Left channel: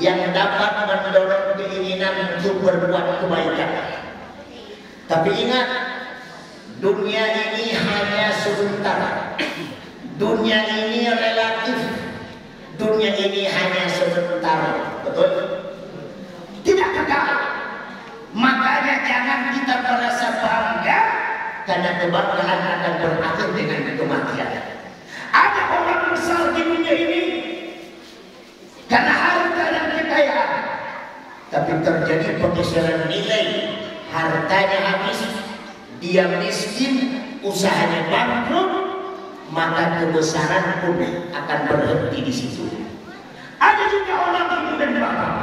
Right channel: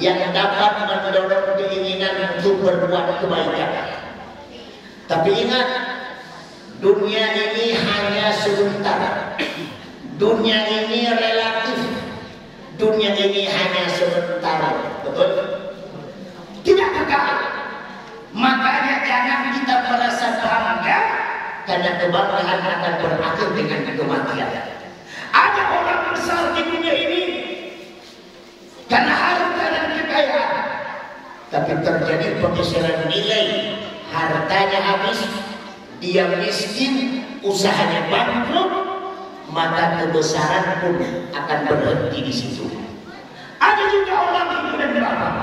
yang dapat mendorong keinginan untuk berbuat kebaikan. Tapi ingat, dunia ini hanya sebentar. Dunia ini relatif. Dunia ini hanya sebentar. Betul? Tidak kekal. Makanya jangan kita merasa bangga karena kebanggaan akan berakhir dengan kematian. Ada orang besar di dunia ini karena harta dan kekayaan, tapi terjadi pergeseran nilai, hartanya habis, dia miskin, usahanya bangkrut, maka kebesaran pun akan berhenti di situ. Ada juga orang ibu dan bapak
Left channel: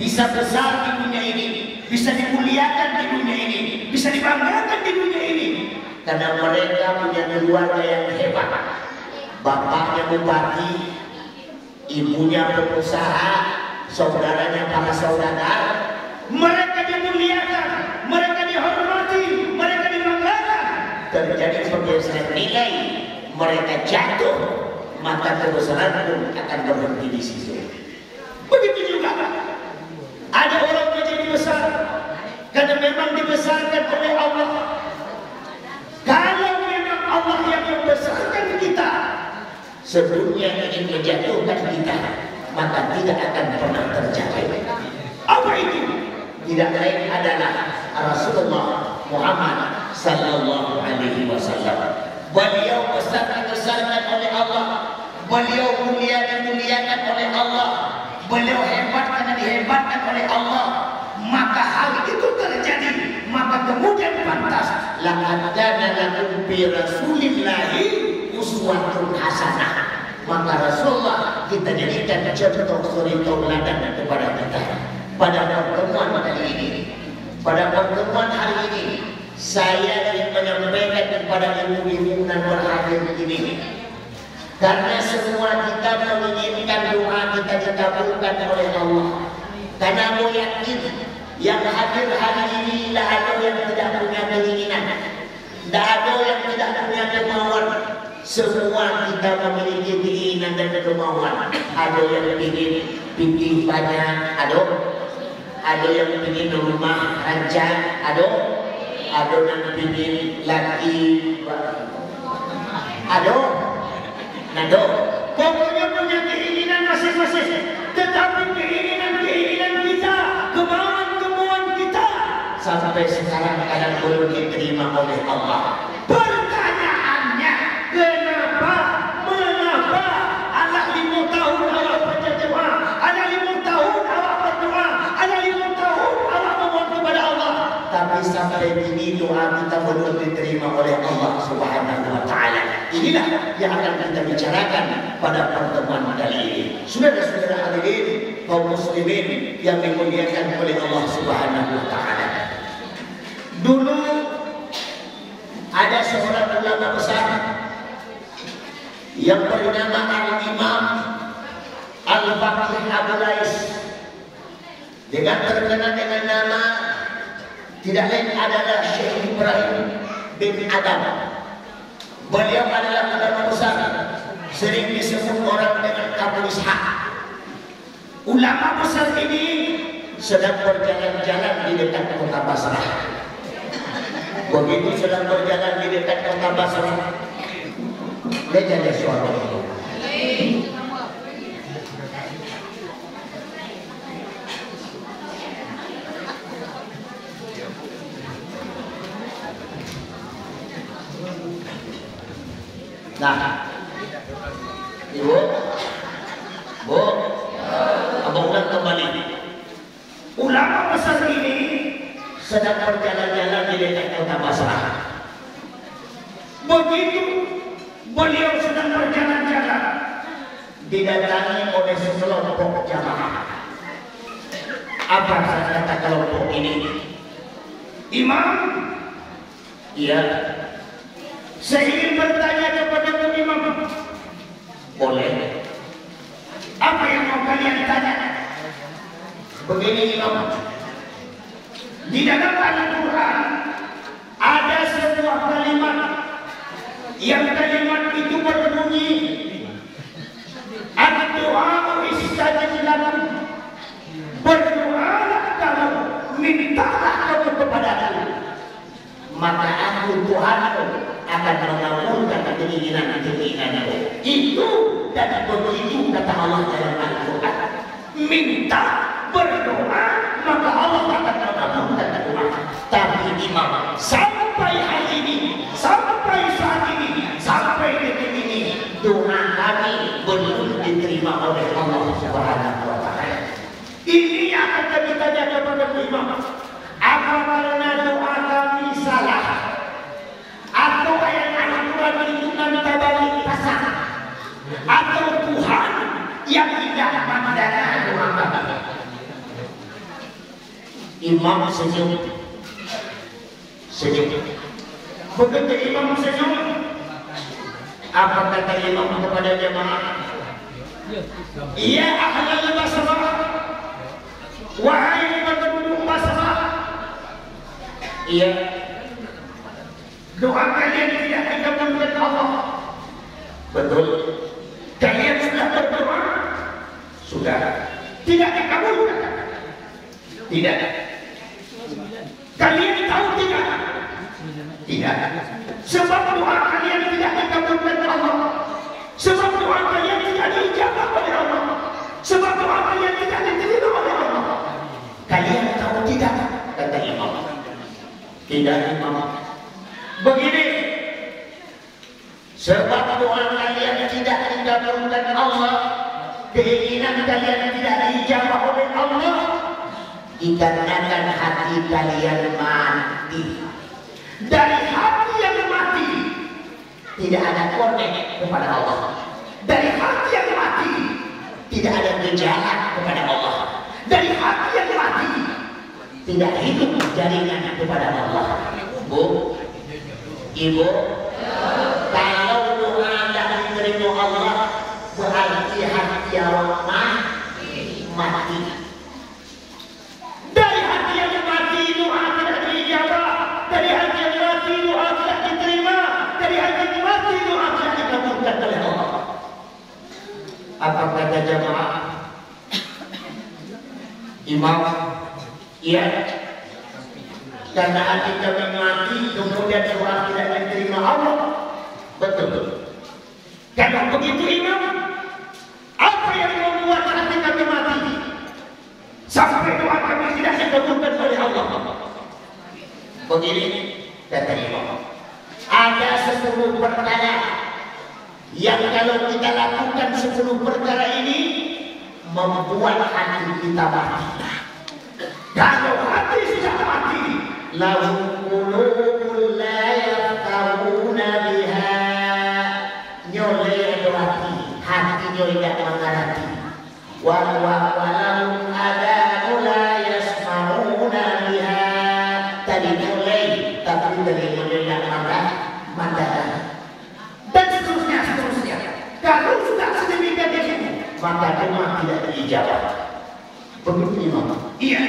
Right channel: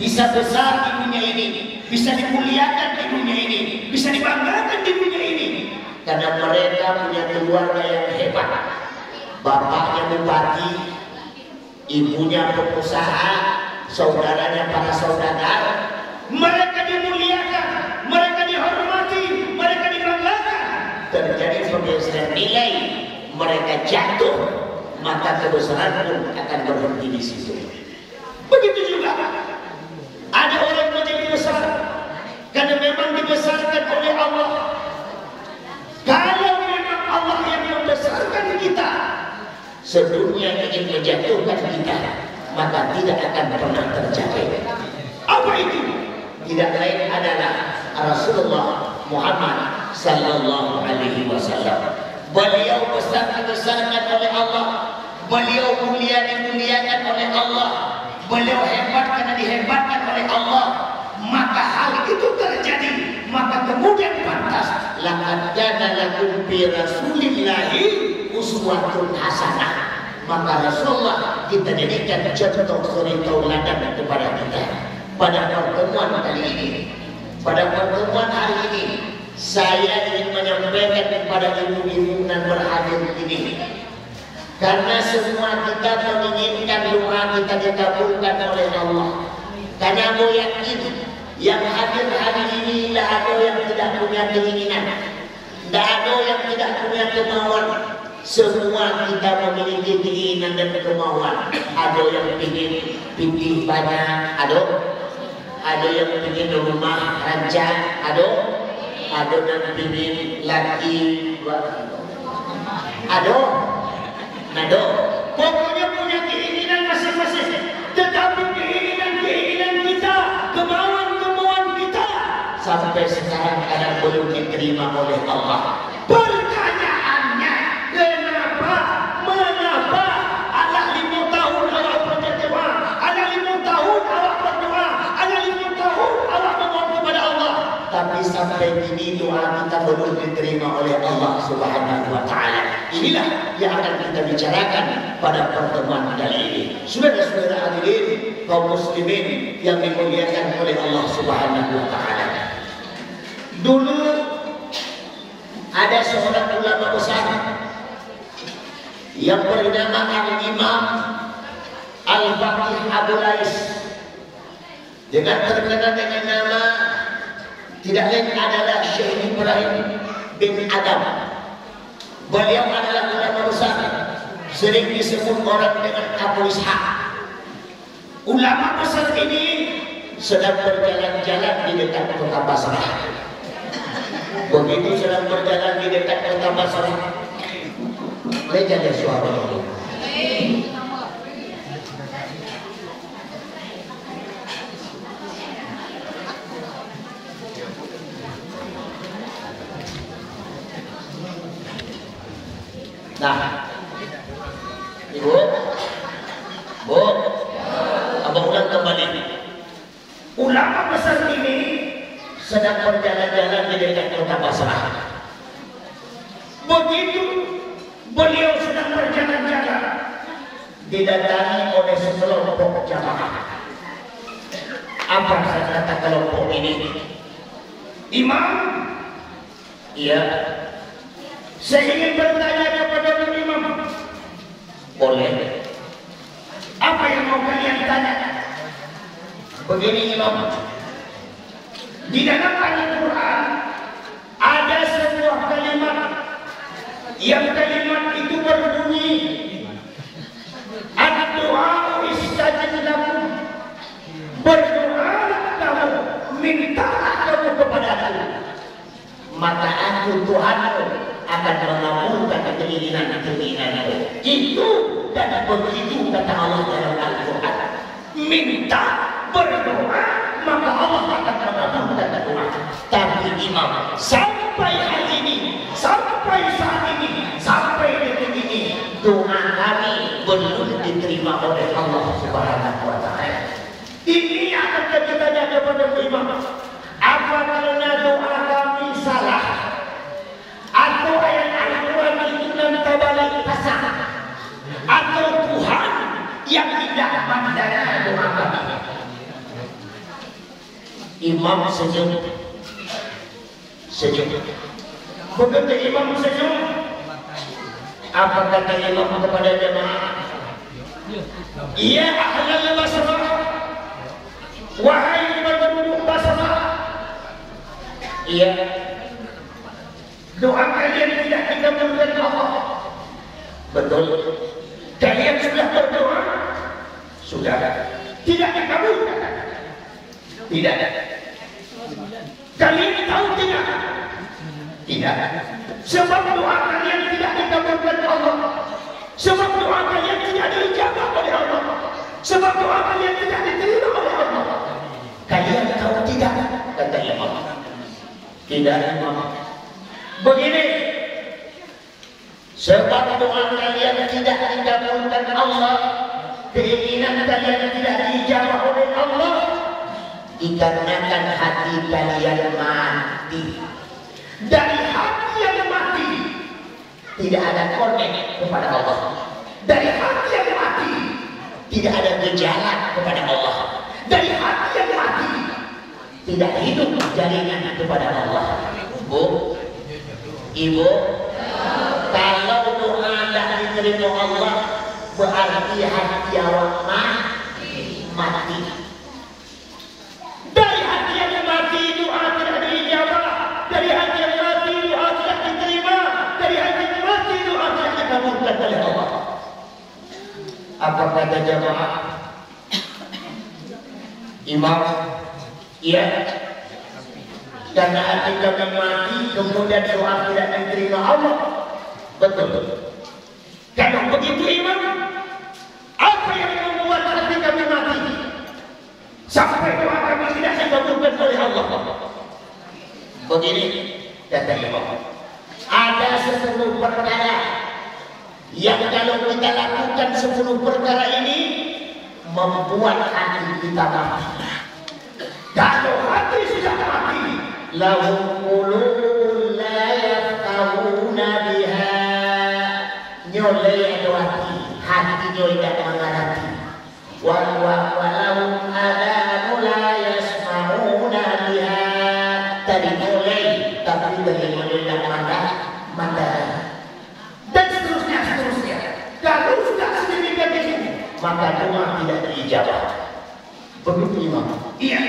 bisa besar di dunia ini, bisa dimuliakan di dunia ini, bisa dibanggakan di dunia ini, karena mereka punya keluarga yang hebat. Bapaknya bupati, ibunya pengusaha, saudaranya para saudagar. Mereka dimuliakan, mereka dihormati, mereka dibanggakan. Terjadi pergeseran nilai, mereka jatuh, maka kebesaran pun akan berhenti di situ. Begitu juga ada orang menjadi besar karena memang dibesarkan oleh Allah. Kalau memang Allah yang membesarkan kita, sedunia ingin menjatuhkan kita, maka tidak akan pernah tercapai. Apa itu? Tidak lain adalah Rasulullah Muhammad sallallahu alaihi wasallam. Beliau besar-besarkan oleh Allah, beliau mulia dimuliakan oleh Allah, beliau hebat karena dihebatkan oleh Allah. Maka hal itu terjadi, maka kemudian pantas laqad kana lakum fi rasulillahi uswatun hasanah. Maka Rasulullah kita jadikan contoh suri tauladan kepada kita. Pada pertemuan kali ini, pada pertemuan hari ini, saya ingin menyampaikan kepada ibu-ibu dan berhadir ini, karena semua kita menginginkan doa kita dikabulkan oleh Allah. Karena mau yakin yang hadir hari ini tidak ada yang tidak punya keinginan, tidak ada yang tidak punya kemauan. Semua kita memiliki keinginan dan kemauan. Ada yang ingin pindah banyak, ada yang ingin rumah rancang, ada yang ingin laki, ada. Pokoknya punya keinginan masing-masing. Tetapi keinginan kita, kemauan kita sampai sekarang kadang belum diterima oleh Allah. Pertanyaannya, mengapa ada 5 tahun Allah berdoa, ada 5 tahun Allah berdoa, ada 5 tahun Allah memohon kepada Allah, tapi sampai kini doa kita belum diterima oleh Allah Subhanahu wa taala. Inilah yang akan kita bicarakan pada pertemuan kali ini. Saudara-saudara hadirin kaum muslimin yang dimuliakan oleh Allah Subhanahu wa taala. Dulu ada seorang ulama besar yang bernama Al-Imam Al-Baqir Abu Lais, dengan terkenal dengan nama tidak lain adalah Syekh Ibrahim bin Adam. Beliau adalah ulama besar, sering disebut orang dengan Abu Ishaq. Ulama besar ini sedang berjalan-jalan di dekat kota Basrah. Begitu sedang berjalan di dekat kota Basrah, lihat ada suara ini. Nah, Ibu, Bu, abang ulang kembali. Ulama besar ini sedang berjalan-jalan di dekat kota Basrah. Begitu beliau sedang berjalan-jalan, didatangi oleh sekelompok jamaah. Apa kata kelompok ini? Imam, iya. Saya ingin bertanya kepada Imam. Boleh. Apa yang mau kalian tanya? Begini Imam, di dalam Al-Quran ada sebuah kalimat yang kalimat itu berbunyi, ad-du'a istajib lakum. maka aku Tuhanmu akan mengabulkan keinginan-keinginanmu. Itu dan begitu kata Allah dalam Al-Quran. Minta, berdoa, maka Allah akan mengabulkan doa. Tapi imam, sampai hari ini, sampai saat ini, sampai detik ini, doa kami belum diterima oleh Allah Subhanahu wa Ta'ala. Ini akan kita tanya kepada imam, apa karena doa kami salah? Atau ayat Al-Quran itu nanti balik pasang? Atau Tuhan yang tidak mendengar doa kami? Imam senyum. Begitu imam senyum, apa kata imam kepada jemaah? Iya ahlal basrah, wahai penduduk Basrah, iya, doa kalian tidak dikabulkan Allah. Betul. Kalian sudah berdoa, sudah tidak dikabulkan. Tidak. Kalian tahu tidak? Tidak. Sebab doa kalian tidak dikabulkan Allah. Sebab doa kalian tidak diijabah oleh Allah. Sebab doa kalian tidak diterima oleh Allah. Kalian tahu tidak? Kata imam. Tidak imam. Begini. Sebab doa kalian tidak dikabulkan Allah, keinginan kalian tidak diijabah oleh Allah, dikarenakan hati kalian mati. Dari hati yang mati tidak ada konek kepada Allah. Dari hati yang mati tidak ada gejala kepada Allah. Dari hati yang mati tidak hidup jaringan kepada Allah. Bu, ibu, kalau doa tidak diterima Allah, berarti hati awak mati. Dari hati yang mati doa tidak dijawab. Dari hati yang mati doa tidak diterima. Dari hati yang mati doa tidak dikabulkan oleh Allah. Apa kata jemaah? Imam, iya. Karena hati kami mati, kemudian doa tidak diterima Allah. Betul. Kalau begitu imam, apa yang membuat hati kami mati sampai doa kami tidak dikabulkan oleh Allah? Begini kata imam, ada 10 perkara yang kalau kita lakukan 10 perkara ini membuat hati kita mati. Kalau hati sudah mati, lahum qulubun la yafqahuna biha, nyoleh hati nyoleh tidak mengerti. Walahum adanu la yasma'una biha, tadi nyoleh tapi dari nyoleh tidak mengerti. Dan seterusnya. Kalau sudah sedemikian ini, maka doa tidak diijabah. Begitu imam. Iya.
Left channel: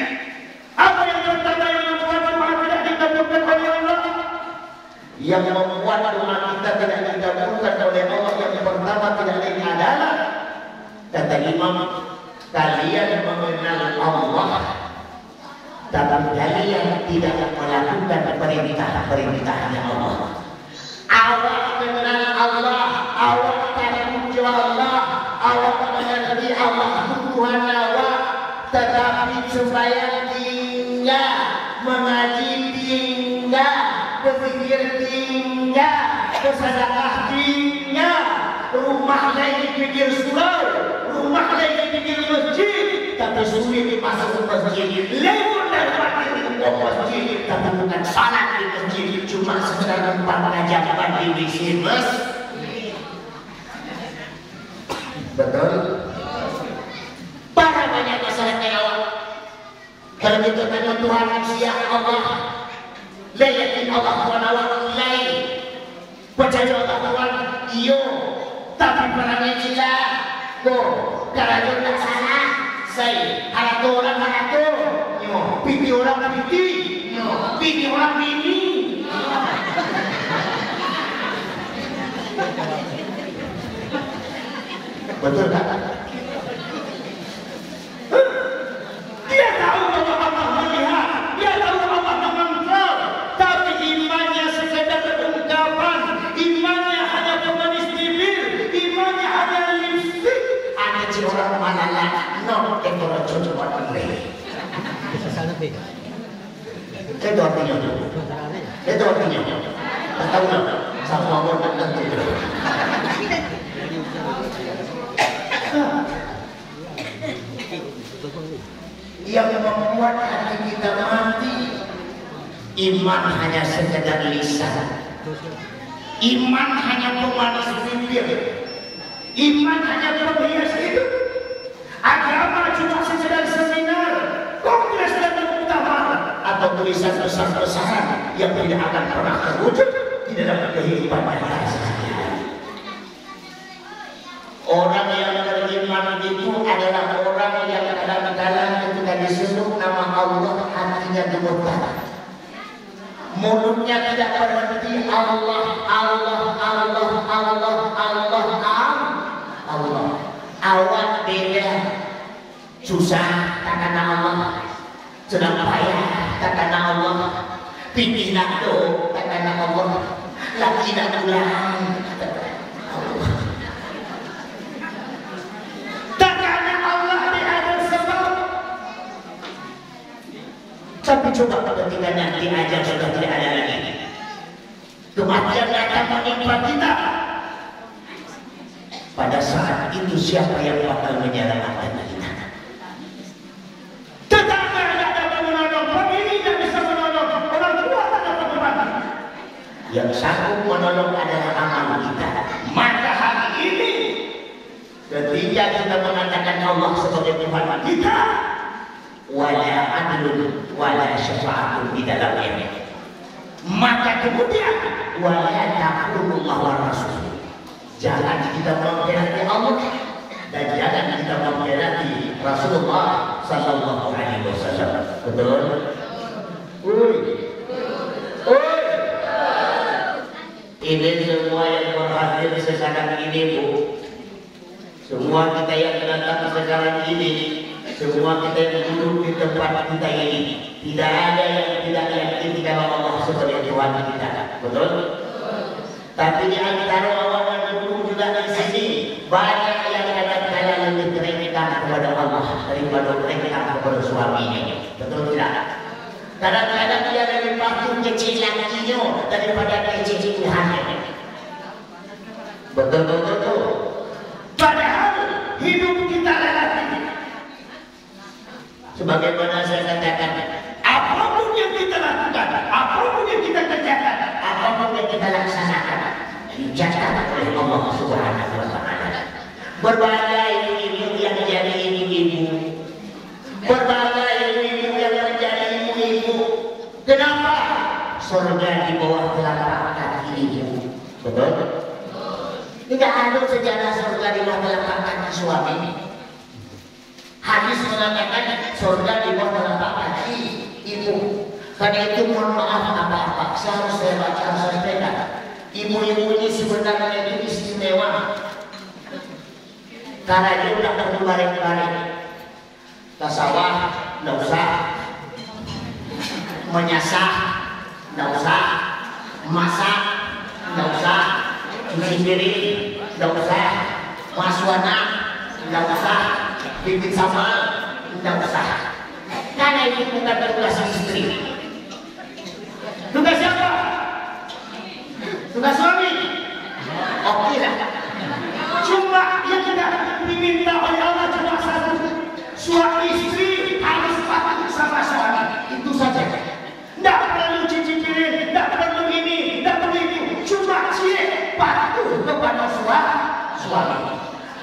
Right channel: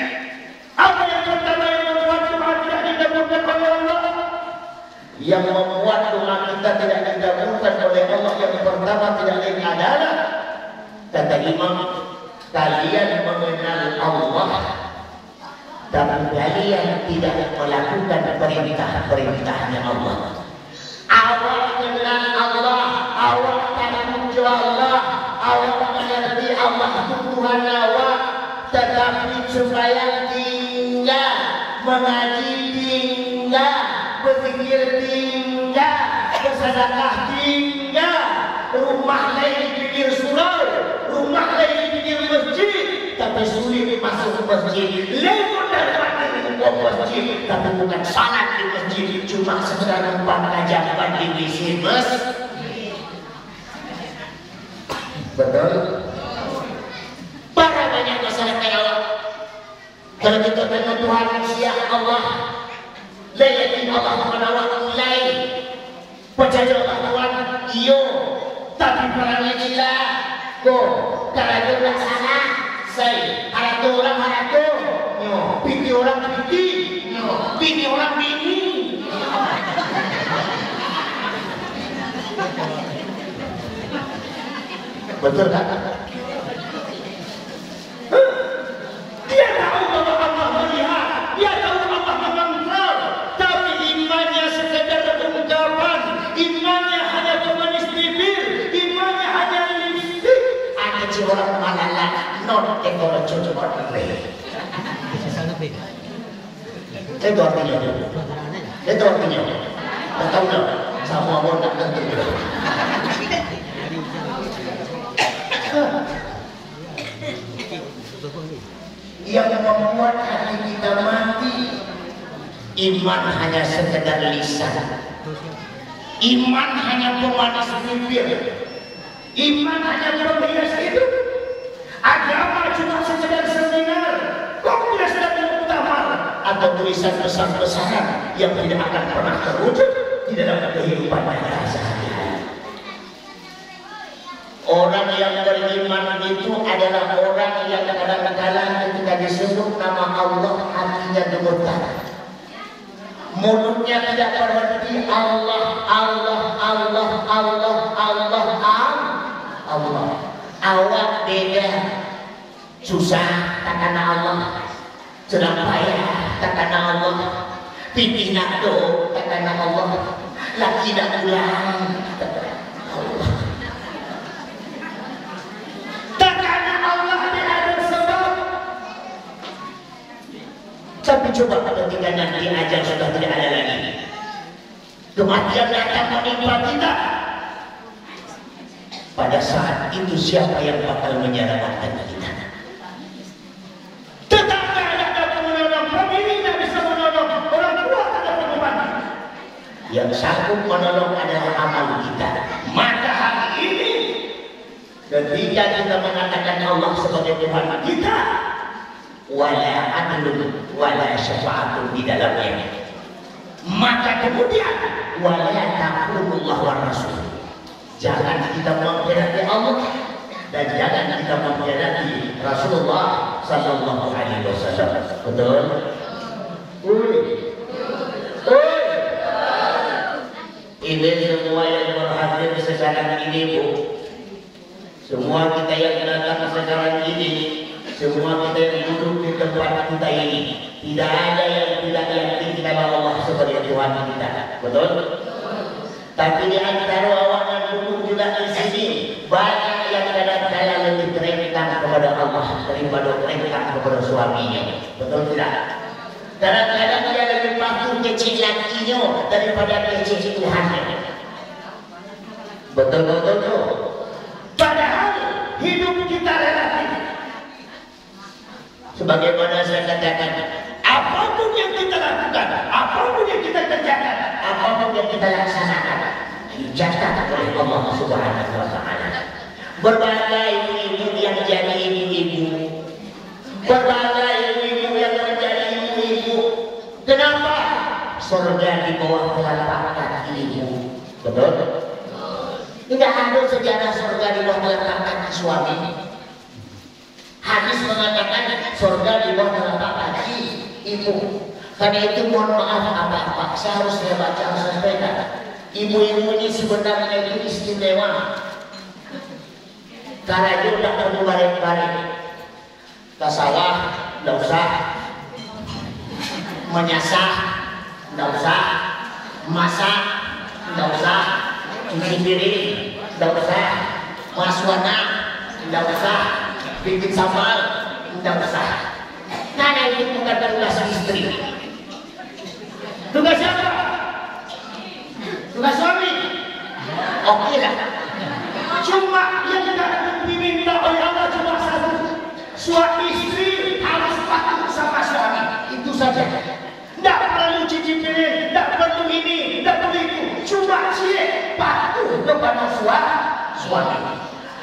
Apa yang pertama yang membuat doa tidak dikabulkan oleh Allah? Yang membuat doa kita tidak dikabulkan oleh Allah yang pertama tidak lain adalah, kata imam, kalian mengenal Allah tapi kalian tidak melakukan perintah-perintahnya Allah. Awak kenal Allah, awak takut Allah, awak mengerti Allah Tuhan awak, tetapi sembahyang tinggal, mengaji tinggal, berzikir tinggal, bersedekah tinggal, rumah lain di pinggir surau, rumah lain di pinggir masjid, tapi sulit masuk ke masjid. Lewat daripada masjid, tapi bukan salat di masjid, cuma sedang 4 ajaran di WC masjid. Betul? Para banyak masyarakat awak. Kalau kita tanya Tuhan siapa Allah, layakin Allah Subhanahu lain. Percaya Allah Tuhan, iyo. Tapi perannya kita, kalau tak salah, saya ada orang ada, piti orang piti orang piti. Betul tak? Dia tahu bahwa Allah melihat, dia tahu Allah mengontrol, tapi iman non dekor coba bre. Itu artinya tuh. Itu artinya. Tahu nggak? Sama orang nak tentu. Yang membuat hati kita mati, iman hanya sekedar lisan. Iman hanya pemanas bibir. Iman hanya penghias hidup. Agama cuma sekedar seminar, kongres dan muktamar, atau tulisan pesan-pesan yang tidak akan pernah terwujud di dalam kehidupan nyata sehari-hari. Orang yang beriman itu adalah orang yang kadang-kadang ketika disuruh nama Allah hatinya gemetar. Mulutnya tidak berhenti Allah, Allah, Allah, Allah, Allah, Allah. Awak beda, susah tak kena Allah, sedang payah tak kena Allah, pitih nak do tak kena Allah, laki nak pulang tak kena Allah. Tak kena Allah ada sebab. Tapi coba kalau kita nanti ajal sudah tidak ada lagi, kematian datang menimpa kita. Pada saat itu siapa yang bakal menyelamatkan kita? Tetangga tidak dapat menolong, pemilik tidak bisa menolong, orang tua tidak dapat membantu. Yang sanggup menolong adalah amal kita. Maka hari ini, ketika kita mengatakan Allah sebagai Tuhan kita, wala adlun wala syafa'atun di dalamnya. Maka kemudian wala taqulullah wa rasul. Jangan kita mengkhianati Allah dan jangan kita mengkhianati Rasulullah sallallahu alaihi wasallam. Betul? Ini semua yang berhadir sekarang ini, Bu. Semua kita yang datang sekarang ini, semua kita yang duduk di tempat kita ini, tidak ada yang tidak yakin kalau Allah sebagai Tuhan kita. Betul? Tapi di antara orang yang duduk juga di sini, banyak yang kadang-kadang lebih terengkang kepada Allah daripada terengkang kepada suaminya. Betul tidak? Kadang-kadang dia lebih patuh kecil lakinya daripada kecil Tuhannya. Betul-betul tuh. Padahal hidup kita relatif. Sebagaimana saya katakan, apapun yang kita lakukan, apapun yang kita kerjakan, apapun yang kita laksanakan, dicatat oleh Allah Subhanahu wa Ta'ala. Berbagai ibu yang menjadi ibu-ibu, berbagai ibu yang menjadi ibu-ibu. Kenapa? Surga di bawah telapak kaki ibu. Betul? Tidak ada sejarah surga di bawah telapak kaki suami. Hadis mengatakan surga di bawah telapak kaki ibu. Karena itu mohon maaf apa-apa, saya harus baca sepeda. Ibu-ibu ini sebenarnya itu istimewa. Karena dia tidak perlu bareng-bareng. Ke sawah, tidak usah. Menyasah, tidak usah. Masak, tidak usah. Cuci piring, tidak usah. Maswana, tidak usah. Bikin sambal, tidak usah. Karena itu bukan tugas istri. Tugas siapa? Tugas suami. Oke lah. Cuma yang tidak diminta oleh Allah cuma satu. Suami istri harus patuh sama suami. Itu saja. Tidak perlu cuci piring, tidak perlu ini, tidak perlu itu. Cuma dia patuh kepada suami.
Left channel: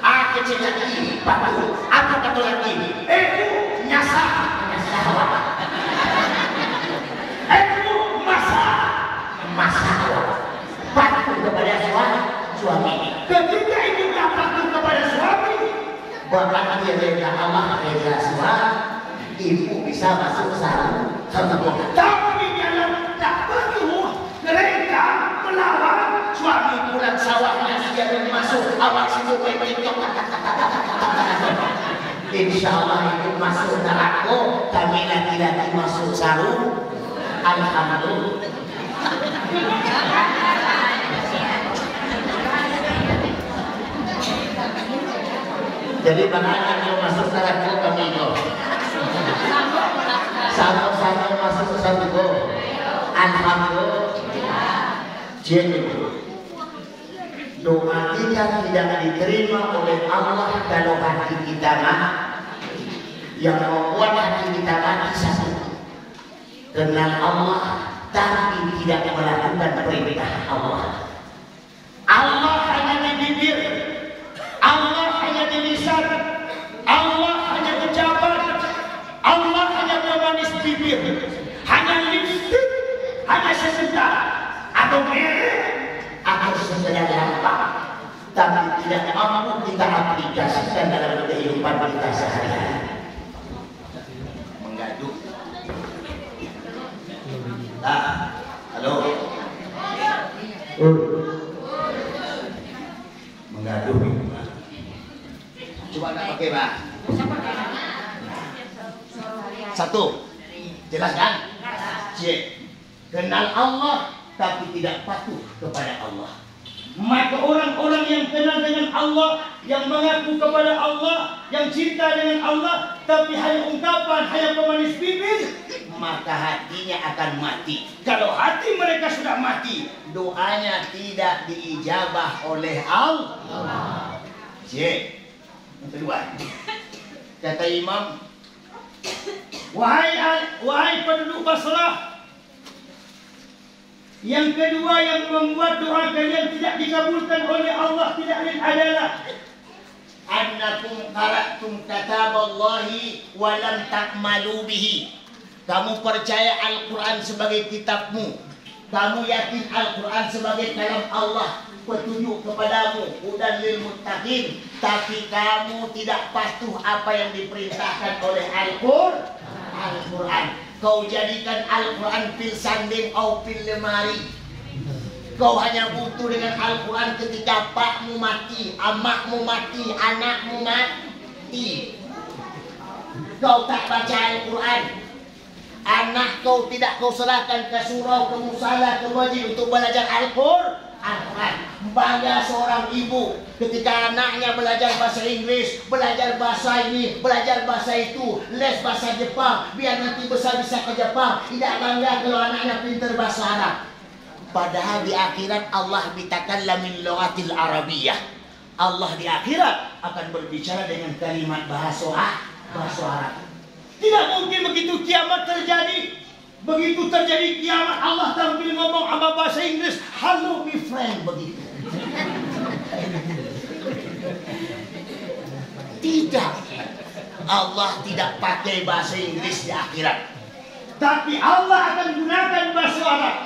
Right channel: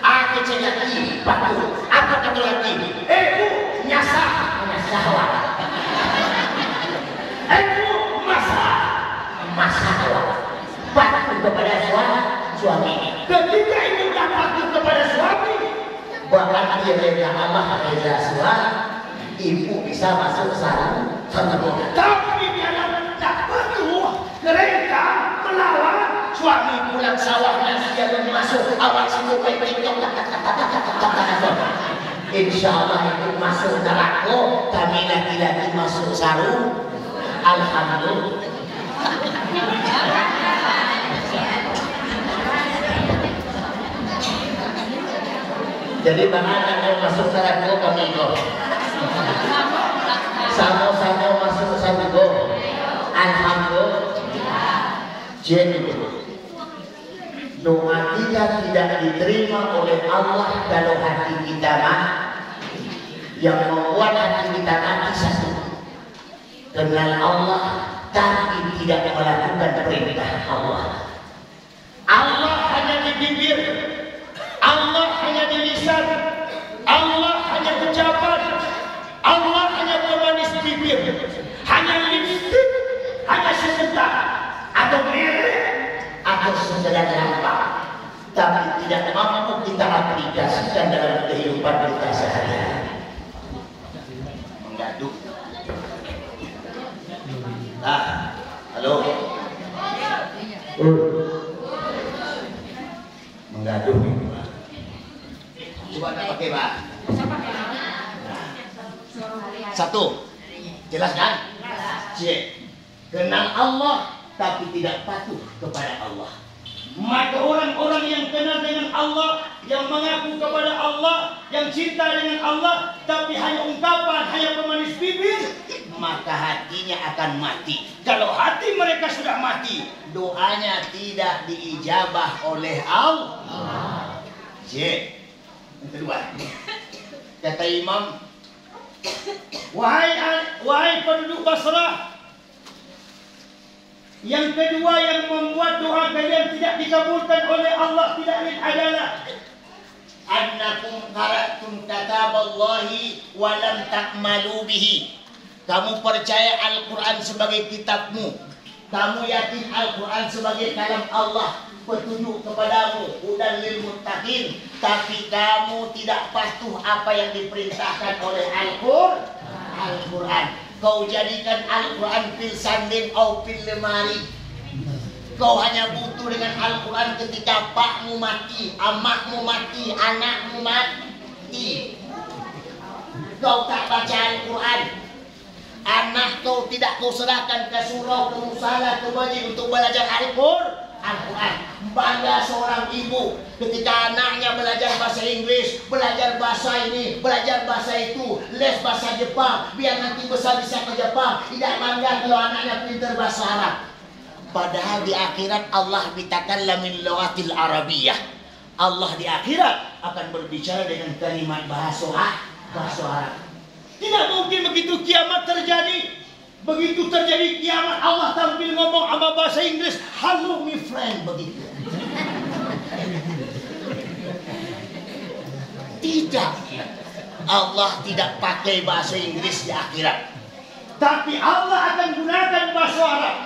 Aku lagi patuh. Aku kata lagi. Bu, nyasah. Masalah patuh kepada suami. Ketika itu tak patuh kepada suami, bahkan dia rela Allah rela suami, ibu bisa masuk sarung. Tapi kalau tak patuh, rela melawan suami pulang sawahnya dia belum masuk, awak situ pepetok. Insya Allah itu masuk neraka, kami laki-laki masuk sarung. Alhamdulillah. Jadi bagaimana kalau masuk sarangku kami go? Sama-sama masuk sarangku. Alhamdulillah. Jadi doa kita tidak diterima oleh Allah kalau hati kita mah. Yang membuat hati kita mati satu, kenal Allah tapi tidak melakukan perintah Allah. Allah hanya di bibir, Allah hanya di lisan, Allah hanya ucapan, Allah hanya bermanis bibir, hanya lipstick, hanya sebentar, atau merek, atau sekedar nampak, tapi tidak mampu kita aplikasikan dalam kehidupan kita sehari-hari. Menggaduh. Nah, halo. Menggaduh. Coba nak pakai, Pak. Satu. Jelas kan? C. Kenal Allah tapi tidak patuh kepada Allah. Maka orang-orang yang kenal dengan Allah, yang mengaku kepada Allah, yang cinta dengan Allah, tapi hanya ungkapan, hanya pemanis bibir, maka hatinya akan mati. Kalau hati mereka sudah mati, doanya tidak diijabah oleh Allah. C. Yang kedua, kata Imam, wahai penduduk Basrah, yang kedua yang membuat doa kalian tidak dikabulkan oleh Allah tidak lain adalah annakum qara'tum kataballahi wa lam ta'malu bihi. Kamu percaya Al-Quran sebagai kitabmu, kamu yakin Al-Quran sebagai kalam Allah, petunjuk kepadamu, hudan lil muttaqin, tapi kamu tidak patuh apa yang diperintahkan oleh Al-Quran. Kau jadikan Al-Quran pil sanding atau pil lemari. Kau hanya butuh dengan Al-Quran ketika pakmu mati, amakmu mati, anakmu mati. Kau tak baca Al-Quran. Anak kau tidak kau serahkan ke surau, ke musala, ke masjid untuk belajar Al-Quran. Bangga seorang ibu ketika anaknya belajar bahasa Inggris, belajar bahasa ini, belajar bahasa itu, les bahasa Jepang, biar nanti besar bisa ke Jepang. Tidak bangga kalau anaknya pintar bahasa Arab. Padahal di akhirat Allah bitakallam min lughatil arabiyyah. Allah di akhirat akan berbicara dengan kalimat bahasa Arab. Tidak mungkin begitu kiamat terjadi. Begitu terjadi kiamat, Allah tampil ngomong sama bahasa Inggris, "Hello my friend," begitu. Tidak. Allah tidak pakai bahasa Inggris di akhirat. Tapi Allah akan gunakan bahasa Arab.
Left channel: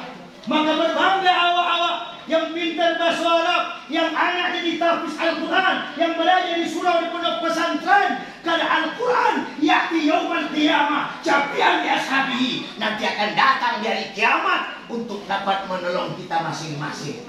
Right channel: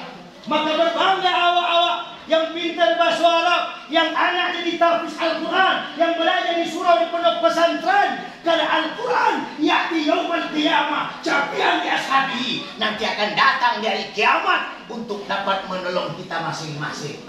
Maka berbangga awak-awak yang pintar bahasa Arab, yang anaknya ditafsir Al-Quran, yang belajar di surau di pondok pesantren. Karena Al-Quran ya'ti yaumal qiyamah syafi'an li ashabihi, nanti akan datang dari kiamat untuk dapat menolong kita masing-masing.